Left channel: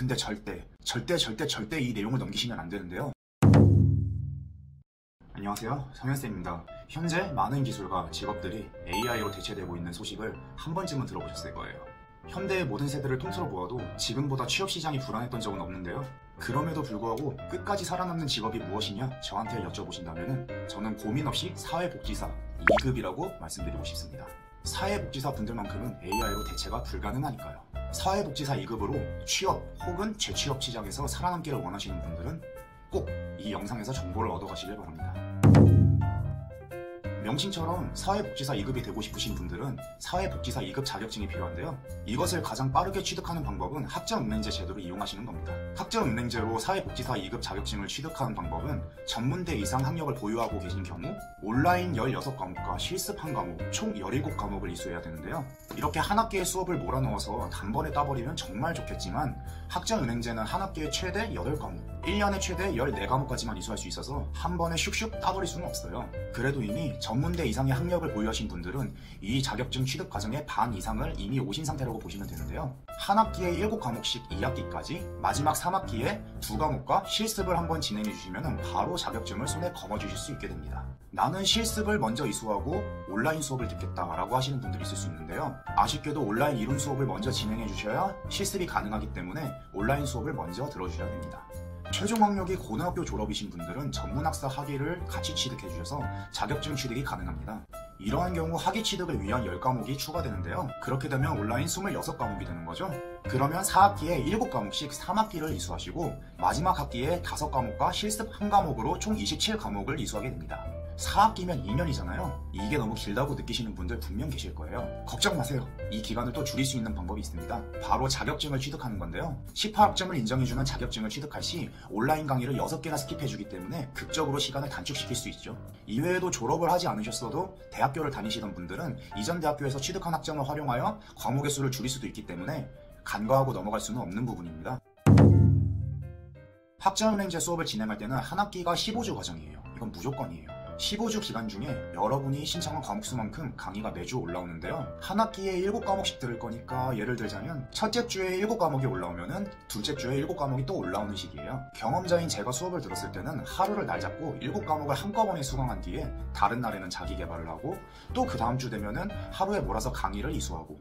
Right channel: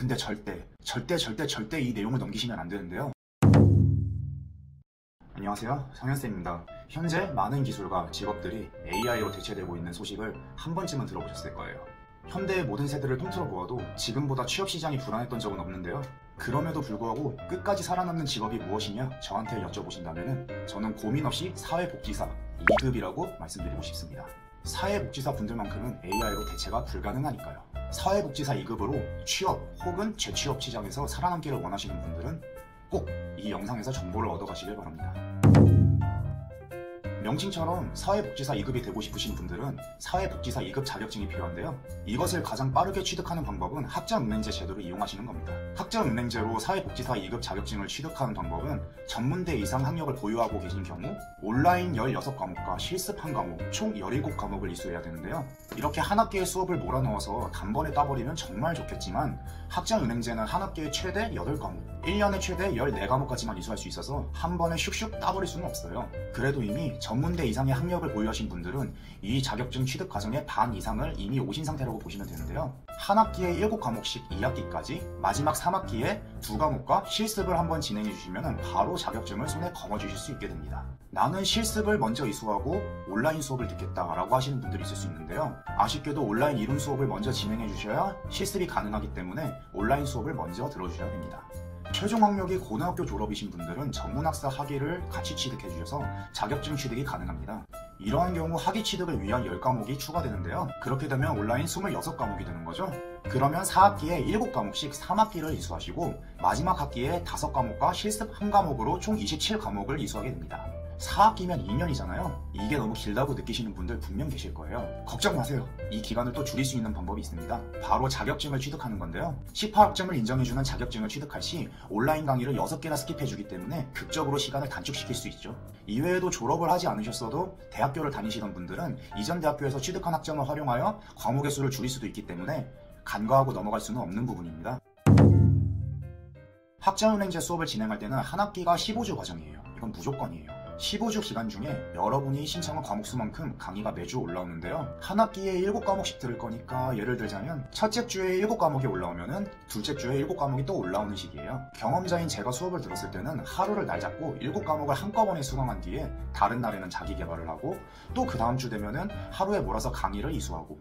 근데 절대 이 내용을 넘기시면 안 되는데요. 안녕하세요, 성현쌤입니다. 현재 많은 기술과 직업들이 AI로 대체되고 있는 소식을 한 번쯤은 들어보셨을 거예요. 현대의 모든 세대를 통틀어 보아도 지금보다 취업시장이 불안했던 적은 없는데요. 그럼에도 불구하고 끝까지 살아남는 직업이 무엇이냐 저한테 여쭤보신다면 저는 고민 없이 사회복지사 2급이라고 말씀드리고 싶습니다. 사회복지사 분들만큼은 AI로 대체가 불가능하니까요. 사회복지사 2급으로 취업 혹은 재취업 시장에서 살아남기를 원하시는 분들은 꼭 이 영상에서 정보를 얻어가시길 바랍니다. 명칭처럼 사회복지사 2급이 되고 싶으신 분들은 사회복지사 2급 자격증이 필요한데요. 이것을 가장 빠르게 취득하는 방법은 학점은행제 제도를 이용하시는 겁니다. 학점은행제로 사회복지사 2급 자격증을 취득하는 방법은 전문대 이상 학력을 보유하고 계신 경우 온라인 16과목과 실습 1과목 총 17과목을 이수해야 되는데요. 이렇게 한 학기의 수업을 몰아넣어서 단번에 따버리면 정말 좋겠지만 학점은행제는 한 학기에 최대 8과목 1년에 최대 14과목까지만 이수할 수 있어서 한 번에 슉슉 따버릴 수는 없어요. 그래도 이미 전문대 이상의 학력을 보유하신 분들은 이 자격증 취득 과정의 반 이상을 이미 오신 상태라고 보시면 되는데요. 한 학기에 7과목씩 2학기까지 마지막 3학기에 2과목과 실습을 한번 진행해 주시면 바로 자격증을 손에 거머쥐실 수 있게 됩니다. 나는 실습을 먼저 이수하고 온라인 수업을 듣겠다라고 하시는 분들이 있을 수 있는데요. 아쉽게도 온라인 이론 수업을 먼저 진행해 주셔야 실습이 가능하기 때문에 온라인 수업을 먼저 들어주셔야 됩니다. 최종 학력이 고등학교 졸업이신 분들은 전문학사 학위를 같이 취득해 주셔서 자격증 취득이 가능합니다. 이러한 경우 학위 취득을 위한 10과목이 추가되는데요. 그렇게 되면 온라인 26과목이 되는 거죠. 그러면 4학기에 7과목씩 3학기를 이수하시고 마지막 학기에 5과목과 실습 1과목으로 총 27과목을 이수하게 됩니다. 4학기면 2년이잖아요. 이게 너무 길다고 느끼시는 분들 분명 계실 거예요. 걱정 마세요. 이 기간을 또 줄일 수 있는 방법이 있습니다. 바로 자격증을 취득하는 건데요. 18학점을 인정해주는 자격증을 취득할 시 온라인 강의를 6개나 스킵해주기 때문에 극적으로 시간을 단축시킬 수 있죠. 이외에도 졸업을 하지 않으셨어도 대학교를 다니시던 분들은 이전 대학교에서 취득한 학점을 활용하여 과목의 수를 줄일 수도 있기 때문에 간과하고 넘어갈 수는 없는 부분입니다. 학점은행제 수업을 진행할 때는 한 학기가 15주 과정이에요. 이건 무조건이에요. 15주 기간 중에 여러분이 신청한 과목 수만큼 강의가 매주 올라오는데요. 한 학기에 7과목씩 들을 거니까 예를 들자면 첫째 주에 7과목이 올라오면은 둘째 주에 7과목이 또 올라오는 시기예요. 경험자인 제가 수업을 들었을 때는 하루를 날 잡고 7과목을 한꺼번에 수강한 뒤에 다른 날에는 자기 개발을 하고 또 그 다음 주 되면은 하루에 몰아서 강의를 이수하고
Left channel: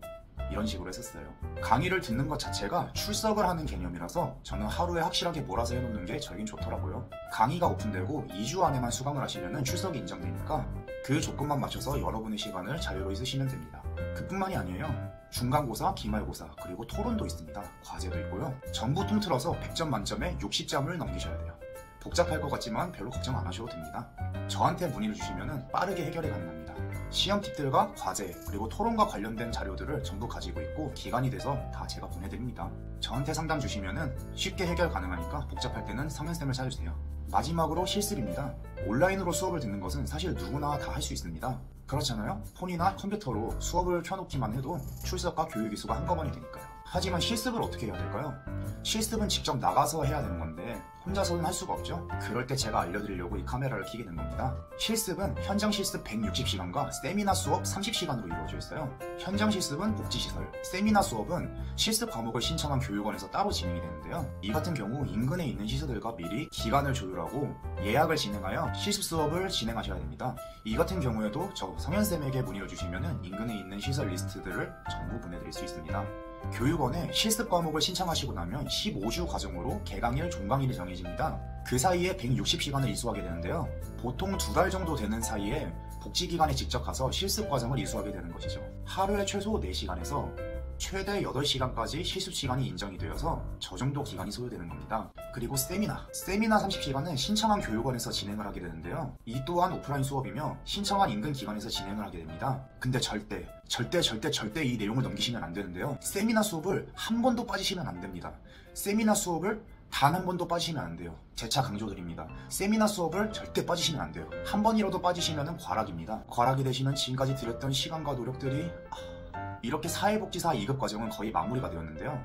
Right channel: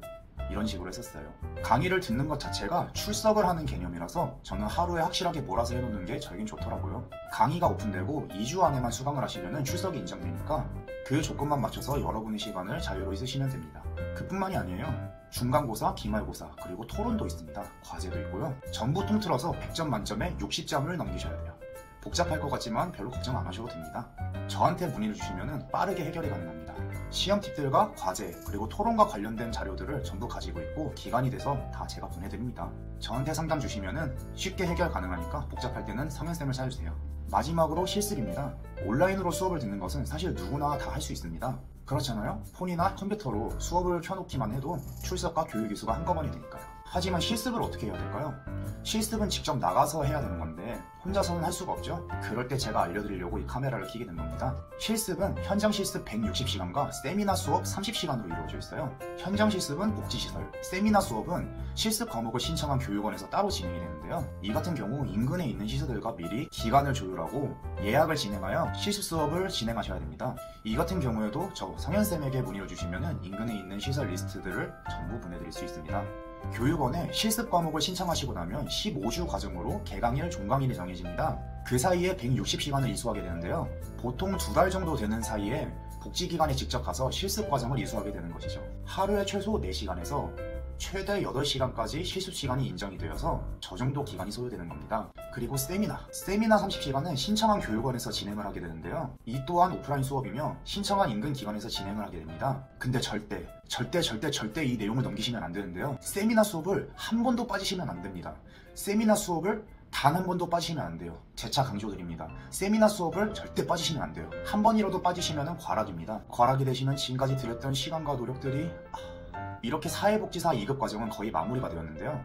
이런 식으로 했었어요. 강의를 듣는 것 자체가 출석을 하는 개념이라서 저는 하루에 확실하게 몰아서 해놓는 게 저에겐 좋더라고요. 강의가 오픈되고 2주 안에만 수강을 하시면 출석이 인정되니까 그 조건만 맞춰서 여러분의 시간을 자유로이 쓰시면 됩니다. 그뿐만이 아니에요. 중간고사, 기말고사, 그리고 토론도 있습니다. 과제도 있고요. 전부 통틀어서 100점 만점에 60점을 넘기셔야 돼요. 복잡할 것 같지만 별로 걱정 안 하셔도 됩니다. 저한테 문의를 주시면 빠르게 해결이 가능합니다. 시험 팁들과 과제 그리고 토론과 관련된 자료들을 전부 가지고 있고 기간이 돼서 다 제가 보내드립니다. 저한테 상담 주시면 쉽게 해결 가능하니까 복잡할 때는 성현쌤을 찾아주세요. 마지막으로 실습입니다. 온라인으로 수업을 듣는 것은 사실 누구나 다 할 수 있습니다. 그렇잖아요? 폰이나 컴퓨터로 수업을 켜놓기만 해도 출석과 교육 이수가 한꺼번에 되니까요. 하지만 실습을 어떻게 해야 될까요? 실습은 직접 나가서 해야 되는 건데 혼자서는 할 수가 없죠. 그럴 때 제가 알려드리려고 이 카메라를 켜게 된 겁니다. 실습은 현장 실습 160시간과 세미나 수업 30시간으로 이루어져 있어요. 현장 실습은 복지시설, 세미나 수업은 실습 과목을 신청한 교육원에서 따로 진행이 되는데요. 이 같은 경우 인근에 있는 시설들과 미리 기간을 조율하고 예약을 진행하여 실습 수업을 진행하셔야 됩니다. 이 같은 경우에도 저 성현쌤에게 문의를 주시면 인근에 있는 시설 리스트들을 전부 보내드릴 수 있습니다. 교육원에 실습 과목을 신청하시고 나면 15주 과정으로 개강일, 종강일이 정해집니다. 그 사이에 160시간을 이수하게 되는데요. 보통 2달 정도 되는 사이에 복지기관에 직접 가서 실습 과정을 이수하게 되는 것이죠. 하루에 최소 4시간에서 최대 8시간까지 실습 시간이 인정이 되어서 저 정도 기간이 소요되는 겁니다. 그리고 세미나 30시간은 신청한 교육원에서 진행을 하게 되는데요. 이 또한 오프라인 수업이며 신청한 인근 기관에서 진행을 하게 됩니다. 근데 절대 이 내용을 넘기시면 안 되는데요. 세미나 수업을 한 번도 빠지시면 안 됩니다. 세미나 수업을 단 한 번도 빠지시면 안 돼요. 재차 강조드립니다. 세미나 수업을 절대 빠지시면 안 돼요. 한 번이라도 빠지시면 과락입니다. 과락이 되시면 지금까지 들였던 시간과 노력들이 이렇게 사회복지사 2급 과정은 거의 마무리가 되었는데요.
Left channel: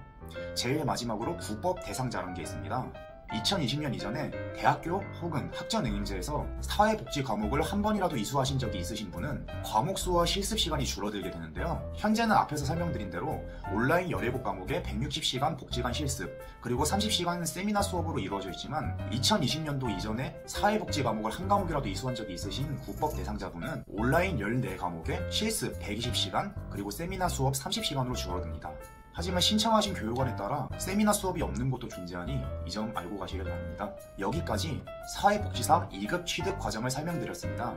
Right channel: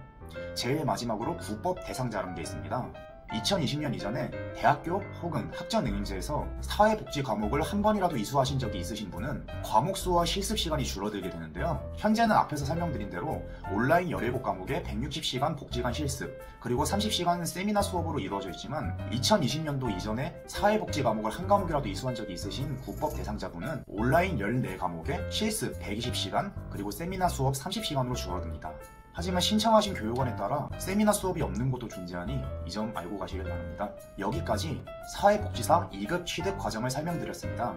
제일 마지막으로 국법 대상자라는 게 있습니다. 2020년 이전에 대학교 혹은 학전응임제에서 사회복지 과목을 한 번이라도 이수하신 적이 있으신 분은 과목 수와 실습 시간이 줄어들게 되는데요. 현재는 앞에서 설명드린 대로 온라인 17 과목에 160시간 복지관 실습, 그리고 30시간 세미나 수업으로 이루어져 있지만 2020년도 이전에 사회복지 과목을 한 과목이라도 이수한 적이 있으신 국법 대상자분은 온라인 14 과목에 실습 120시간, 그리고 세미나 수업 30시간으로 줄어듭니다. 하지만 신청하신 교육원에 따라 세미나 수업이 없는 곳도 존재하니 이 점 알고 가시길 바랍니다. 여기까지 사회복지사 2급 취득 과정을 설명드렸습니다.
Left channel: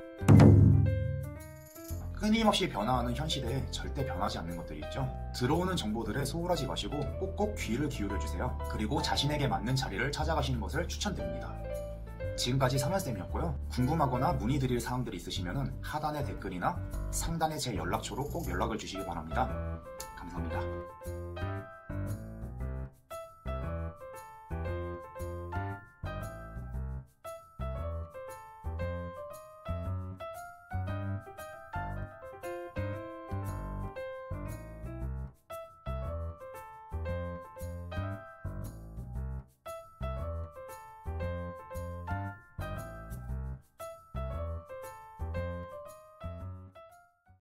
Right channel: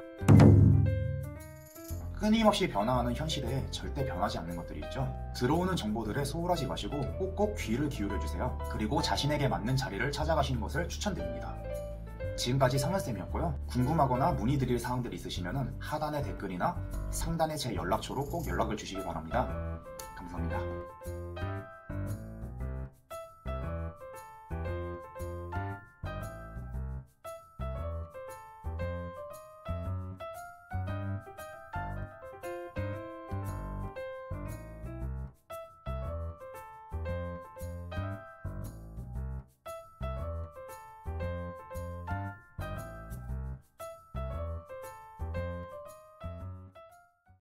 끊임없이 변화하는 현 시대에 절대 변하지 않는 것들이 있죠. 들어오는 정보들에 소홀하지 마시고 꼭꼭 귀를 기울여주세요. 그리고 자신에게 맞는 자리를 찾아가시는 것을 추천드립니다. 지금까지 상현쌤이었고요. 궁금하거나 문의드릴 사항들이 있으시면 하단의 댓글이나 상단의 제 연락처로 꼭 연락을 주시기 바랍니다. 감사합니다.